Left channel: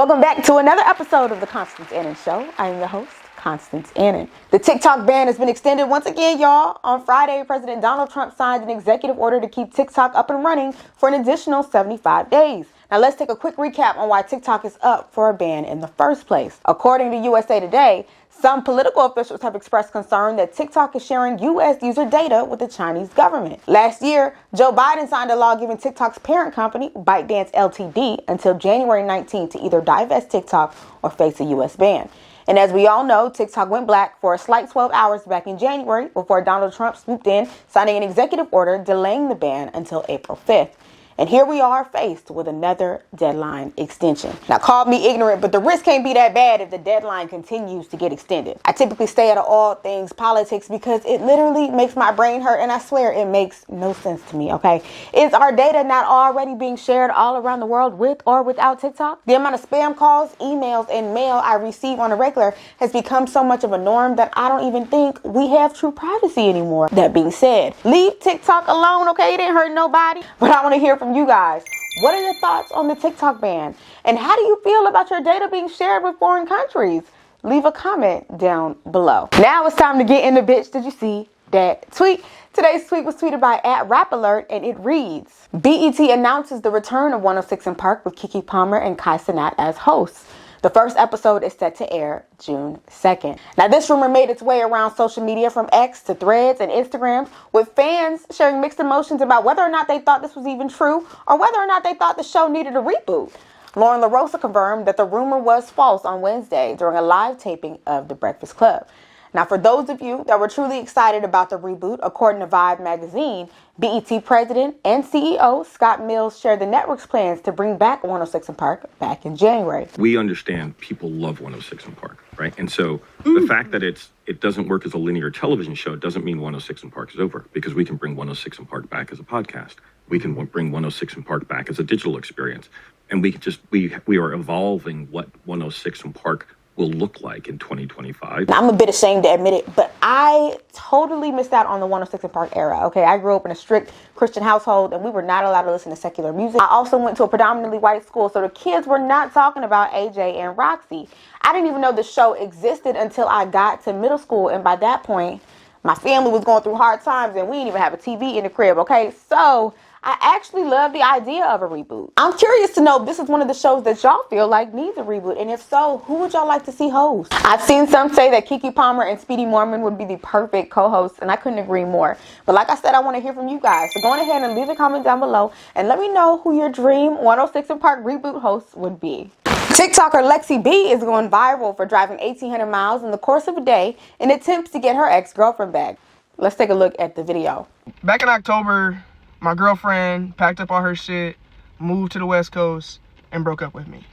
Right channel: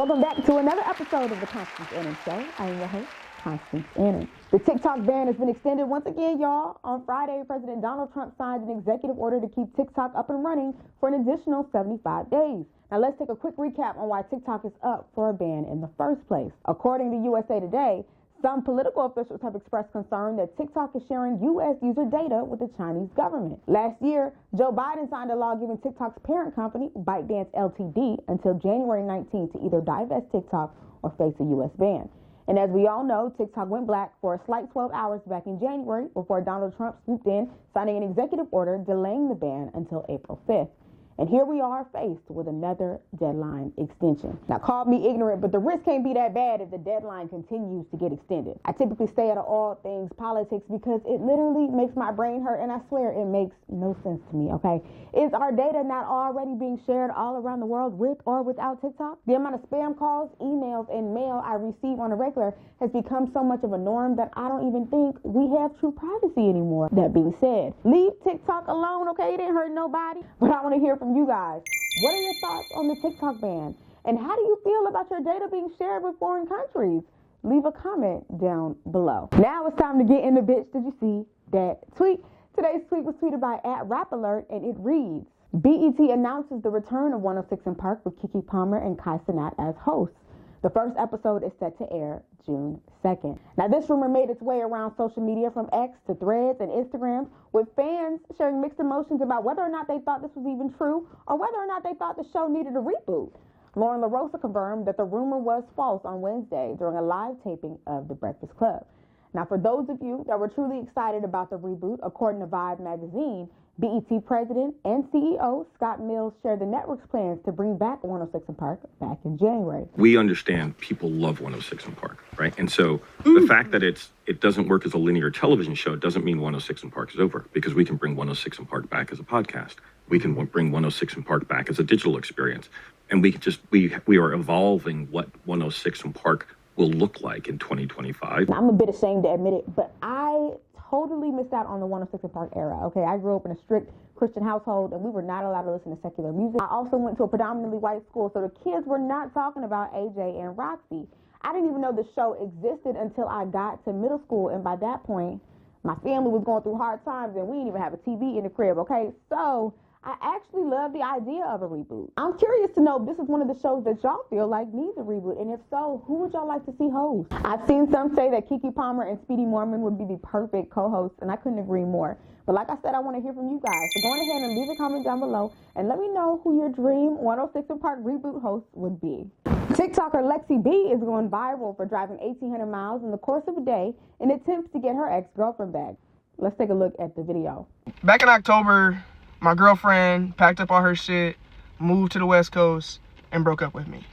Welcome back to another episode of the Constance Annan Show. I am your host, Constance Annan. The TikTok ban has been extended once again, y'all. On Friday, President Donald Trump signed an executive order to keep TikTok up and running for an additional 75 days. Now let's take a quick recap on why TikTok is up for a ban in the first place. According to USA Today, some political officials have expressed concern that TikTok is sharing U.S. user data with the Chinese government. Last year, Joe Biden signed a law giving TikTok's parent company, ByteDance Ltd, until January 19 to either divest TikTok or face a U.S. ban. And as we all know, TikTok went black for a slight 12 hours back in January before Donald Trump swooped in, signing an executive order delaying the ban until April 5th. And here we are faced with another deadline extension. Now, call me ignorant, but the risk can't be that bad if the deadline continues to get extended. I typically stay out of all things politics because it literally makes my brain hurt, and I swear it makes no sense to me, okay? Is our data not already being shared all around the world with or without TikTok? The amount of spam calls, emails, and mail I receive on a regular has become so much of a norm that I don't even think we have true privacy anymore. That being said, leave TikTok alone, okay? It didn't hurt nobody, but I want to hear from you guys. What are your thoughts on the TikTok ban? And how do you feel about your data being shared with foreign countries? Leave a comment down below. Now it's time to get in the bitch. Did you see that tweet? Today's tweet was tweeted by @RapAlert, and it reads, BET announces the return of 106 & Park with Keke Palmer and Kai Cenat as hosts. The first episode is set to air June 2nd. Now, this rumor made its way around social media from X to Threads and Instagram, with fans sharing mixed emotions about whether or not they thought this was even true or whether or not they thought the show needed a reboot. Lauren LaRosa confirmed that the rumor was false on Wednesday during a live taping of The Breakfast Club. Now, for those of you that were truly excited about the reboot, according to Vibe magazine, BET president and CEO Scott Mills shared the network's plans to bring back 106 & Park back in January. We understand people love 106 & Park, right? And so the fact that it doesn't work as a linear television show doesn't mean 106 & Park is over, because we can bring 106 & Park back as a podcast. We can bring 106 & Park back as a digital experience. And we are evolving what 106 & Park will look like in 2025. Now, I'm a bit ashamed to admit it, but I totally missed out on the 106 & Park era, okay? I grew up in a strict Christian household, and we were not allowed to listen to secular music. I also went to a predominantly white school, so the kids were not talking about AJ and Roxy. I didn't even know the show existed until I got to middle school, and by that point, my family was going through hard times, and we didn't even have a TV in the crib, okay? So I actually love the idea of a reboot. I'm curious to know if this is one of the shows that y'all feel like needs a reboot, and if so, who would y'all like to see host? I've seen some say that Keke Palmer and Speedy Mormon would be the perfect co-hosts, and I couldn't agree more. But like I said, I want to hear from you guys. So go on ahead and leave a comment down below, and let me know who your dream 106 & Park reboot host would be. TikToker Lexy B is going viral for driving 1,800 miles in the course of a day in attempts to get her ex-girlfriend back. Let's take a look at the video. Back in October, my girlfriend packed up all her shit, moved to the West Coast, and broke up with me.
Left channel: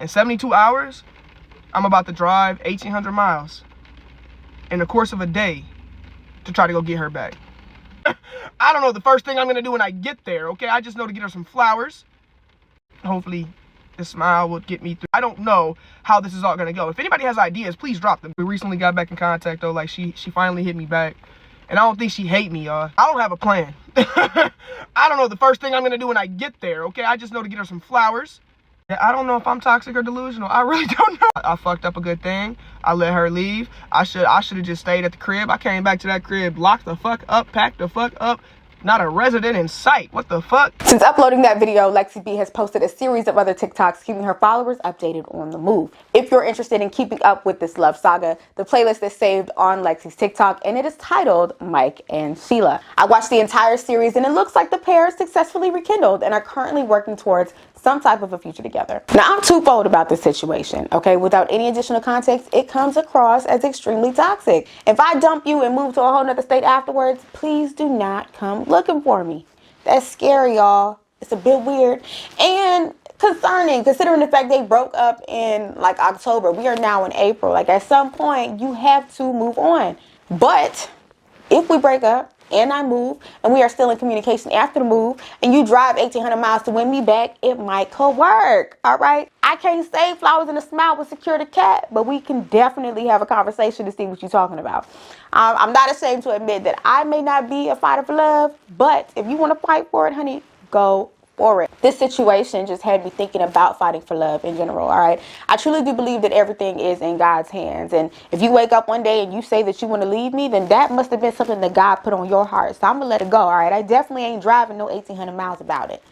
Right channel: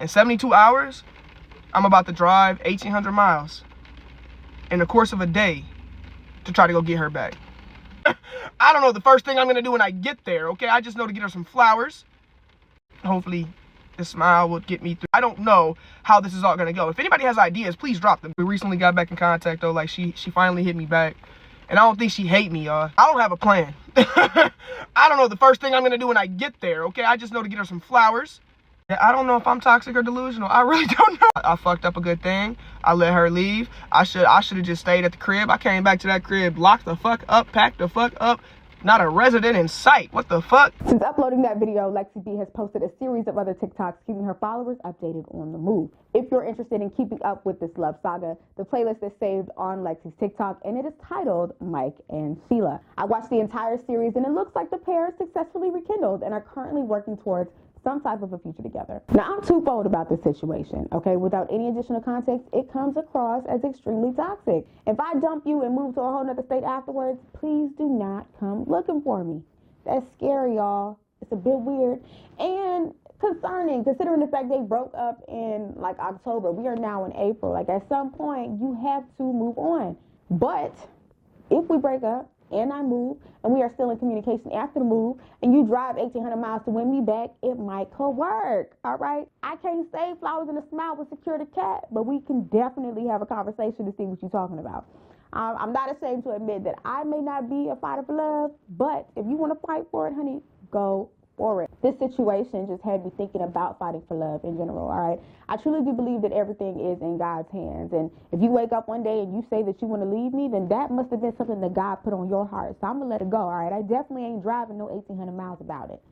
In 72 hours, I'm about to drive 1,800 miles in the course of a day to try to go get her back. I don't know the first thing I'm gonna do when I get there, okay? I just know to get her some flowers. Hopefully, this smile will get me through. I don't know how this is all gonna go. If anybody has ideas, please drop them. We recently got back in contact, though. Like, she finally hit me back. And I don't think she hate me, y'all. I don't have a plan. I don't know the first thing I'm gonna do when I get there, okay? I just know to get her some flowers. I don't know if I'm toxic or delusional. I really don't know. I fucked up a good thing. I let her leave. I should have just stayed at the crib. I came back to that crib, locked the fuck up, packed the fuck up. Not a resident in sight. What the fuck? Since uploading that video, Lexy B has posted a series of other TikToks keeping her followers updated on the move. If you're interested in keeping up with this love saga, the playlist is saved on Lexy's TikTok, and it is titled Mike and Sheila. I watched the entire series, and it looks like the pair is successfully rekindled and are currently working towards some type of a future together. Now, I'm twofold about this situation, okay? Without any additional context, it comes across as extremely toxic. If I dump you and move to a whole nother state afterwards, please do not come looking for me. That's scary, y'all. It's a bit weird and concerning, considering the fact they broke up in like October. We are now in April. Like, at some point, you have to move on. But if we break up, and I move, and we are still in communication after the move, and you drive 1,800 miles to win me back, it might could work, all right? I can't say flowers and a smile will secure the cat, but we can definitely have a conversation to see what you're talking about. I'm not ashamed to admit that I may not be a fighter for love, but if you want to fight for it, honey, go for it. This situation just had me thinking about fighting for love in general, all right? I truly do believe that everything is in God's hands. And if you wake up one day and you say that you want to leave me, then that must have been something that God put on your heart. So I'm going to let it go, all right? I definitely ain't driving no 1,800 miles about it.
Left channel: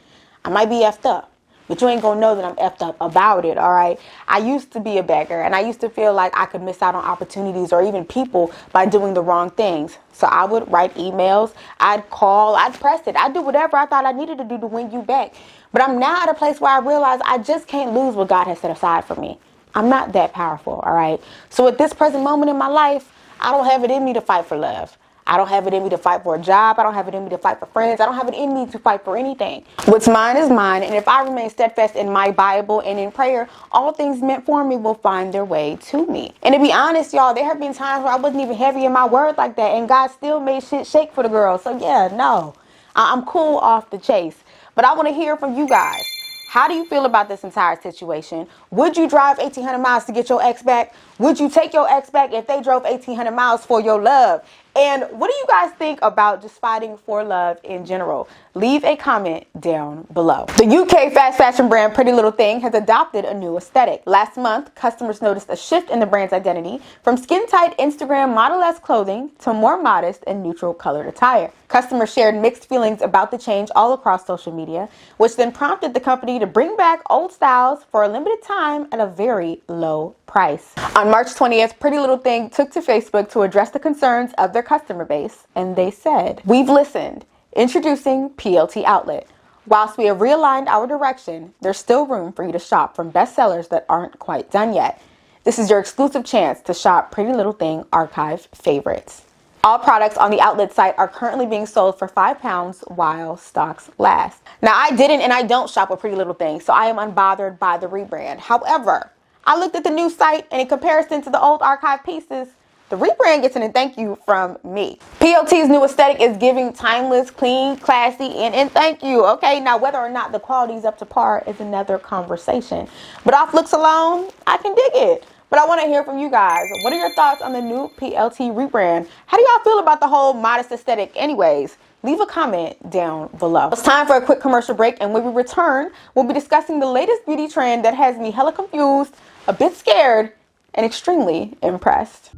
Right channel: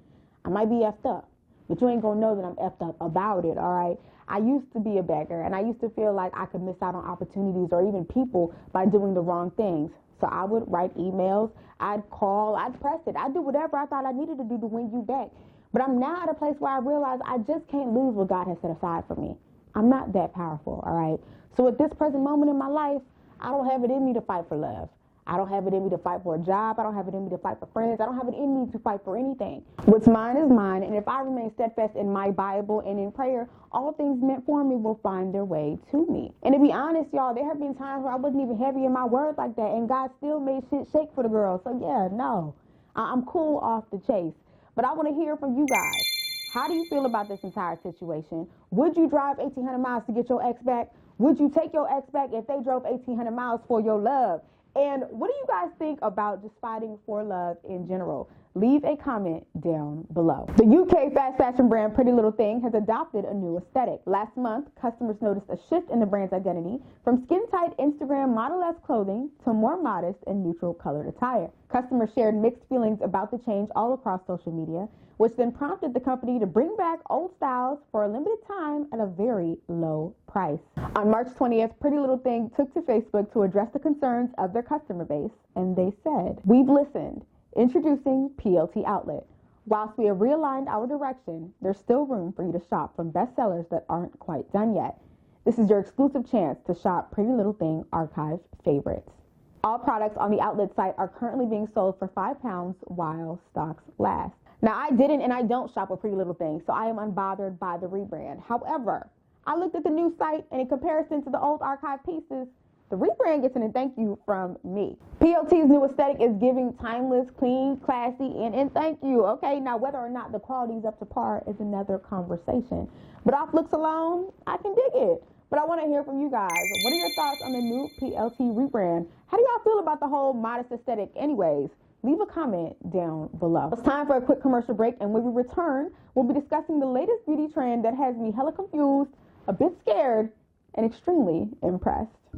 I might be effed up, but you ain't gonna know that I'm effed up about it, all right? I used to be a beggar, and I used to feel like I could miss out on opportunities or even people by doing the wrong things. So I would write emails, I'd call, I'd press it, I'd do whatever I thought I needed to do to win you back. But I'm now at a place where I realize I just can't lose what God has set aside for me. I'm not that powerful, all right? So at this present moment in my life, I don't have it in me to fight for love. I don't have it in me to fight for a job. I don't have it in me to fight for friends. I don't have it in me to fight for anything. What's mine is mine. And if I remain steadfast in my Bible and in prayer, all things meant for me will find their way to me. And to be honest, y'all, there have been times where I wasn't even heavy in my word like that. And God still made shit shake for the girls. So yeah, no, I'm cool off the chase. But I want to hear from you guys. How do you feel about this entire situation? Would you drive 1,800 miles to get your ex back? Would you take your ex back if they drove 1,800 miles for your love? And what do you guys think about just fighting for love in general? Leave a comment down below. The UK fast fashion brand Pretty Little Thing has adopted a new aesthetic. Last month, customers noticed a shift in the brand's identity from skin-tight Instagram model-esque clothing to more modest and neutral colored attire. Customers shared mixed feelings about the change all across social media, which then prompted the company to bring back old styles for a limited time at a very low price. On March 20th, Pretty Little Thing took to Facebook to address the concerns of their customer base, and they said, "We've listened. Introducing PLT Outlet. Whilst we have realigned our direction, there's still room for you to shop from bestsellers that aren't quite done yet. This is your exclusive chance to shop Pretty Little Thing archive favorites. All products on the outlet site are currently being sold for £5 while stocks last." Now, I didn't and I don't shop with Pretty Little Thing, so I am unbothered by the rebrand. However, I looked at the new site, and in comparison to the old archive pieces, the rebrand gets an thank you from me. PLT's new aesthetic is giving timeless, clean, classy, and thank you. Okay, now whether or not the quality is up to par is another conversation. But off looks alone, I can dig it. But I want to hear from you guys. What are your thoughts on the new PLT rebrand? How do y'all feel about the whole modest aesthetic anyways? Leave a comment down below. It's time for a quick commercial break, and when we return, we'll be discussing the latest beauty trend that has me hella confused, a bit scared, and extremely impressed.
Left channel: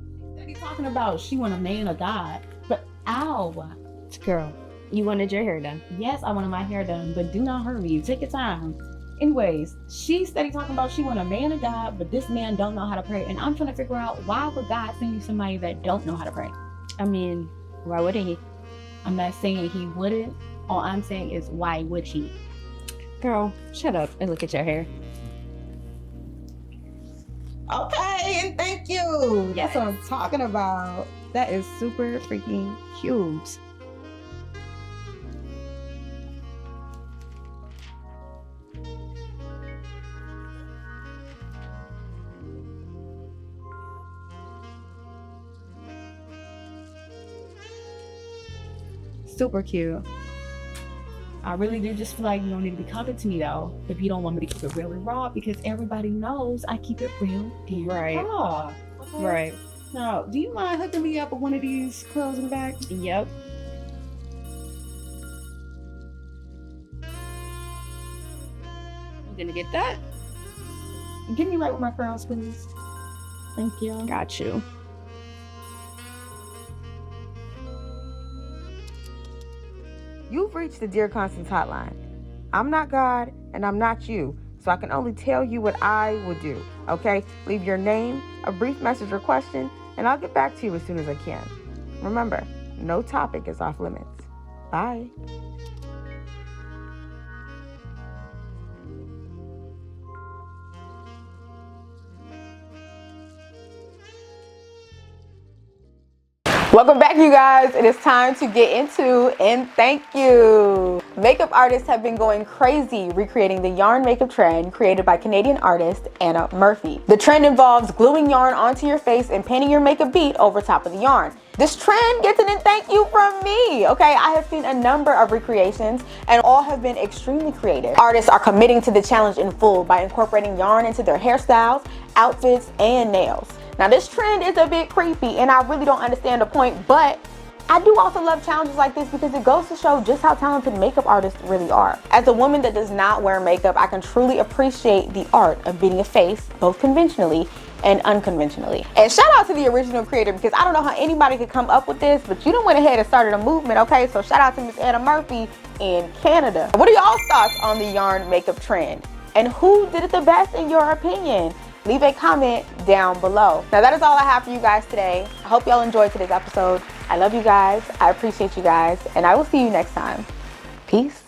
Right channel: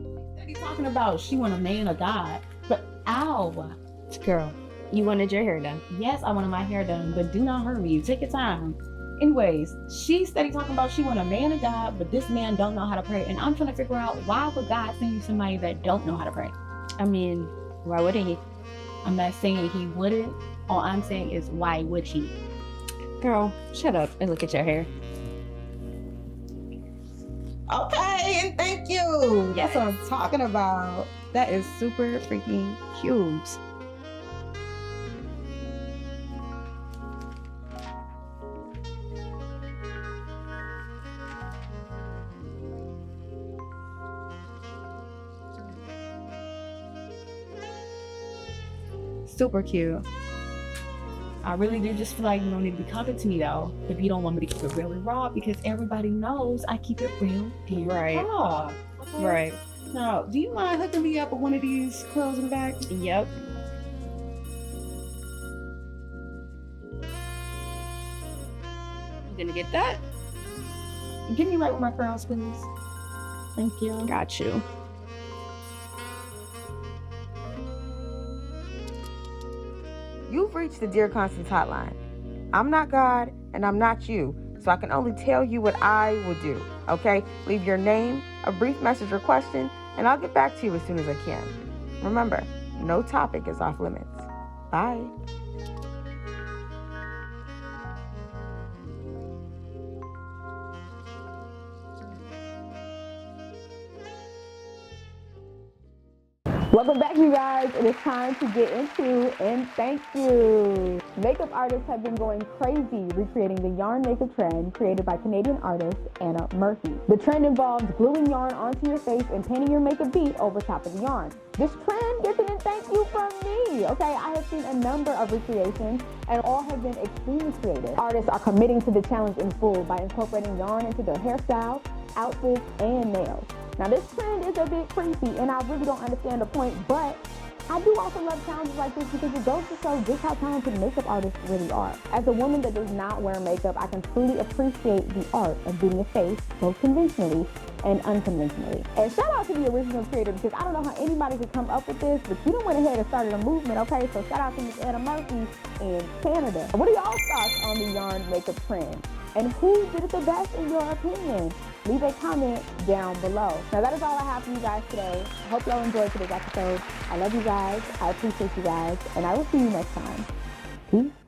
Be talking about she want a man of God, but ow, Girl, you wanted your hair done. yes, I wanted my hair done, but do not hurt me. Take your time. Anyways, she steady talking about she want a man of God, but this man don't know how to pray, and I'm trying to figure out why would God send you somebody that don't know how to pray? I mean, why wouldn't he? I'm not saying he wouldn't. All I'm saying is why would he? Girl, shut up and look at your hair. Okay, and thank you. Yes. That's what I'm talking about. That is super freaking cute. Super cute. I really do just feel like you don't need to be coming to me though, if you don't want me to keep it real and raw, because everybody knows I keep it real and Right. raw. Okay? Right. Now, do you mind hooking me up with one of these curls in the back? Yep. You gonna get that? Get me right with my curls, please. Thank you. Got you. You've reached the Dear Constance hotline. I'm not God, and I'm not you, so I can only tell you what I would do, okay? Leave your name, a brief message or question, and I'll get back to you as soon as I can. Remember, no topic is off limits. Bye. Welcome back, you guys. It is time to get into and thank you. Makeup artists have been going crazy recreating the yarn makeup trend created by Canadian artist Anna Murphy. The trend involves gluing yarn onto your face and painting your makeup bead over top of the yarn. This trend gets an thank you from me. Okay, I have seen a number of recreations and all have been extremely creative. Artists are committing to the challenge in full by incorporating yarn into their hairstyles, outfits, and nails. Now this trend is a bit creepy and I really don't understand the point, but I do also love challenges like this because it goes to show just how talented makeup artists really are. As a woman that does not wear makeup, I can truly appreciate the art of being a face, both conventionally and unconventionally. And shout out to the original creator, because I don't know how anybody could come up with this, but you done went ahead and started a movement, okay? So shout out to Miss Anna Murphy in Canada. What are y'all's thoughts on the yarn makeup trend? And who did it the best in your opinion? Leave a comment down below. Now that is all I have for you guys today. I hope y'all enjoyed today's episode. I love you guys, I appreciate you guys, and I will see you next time. Peace.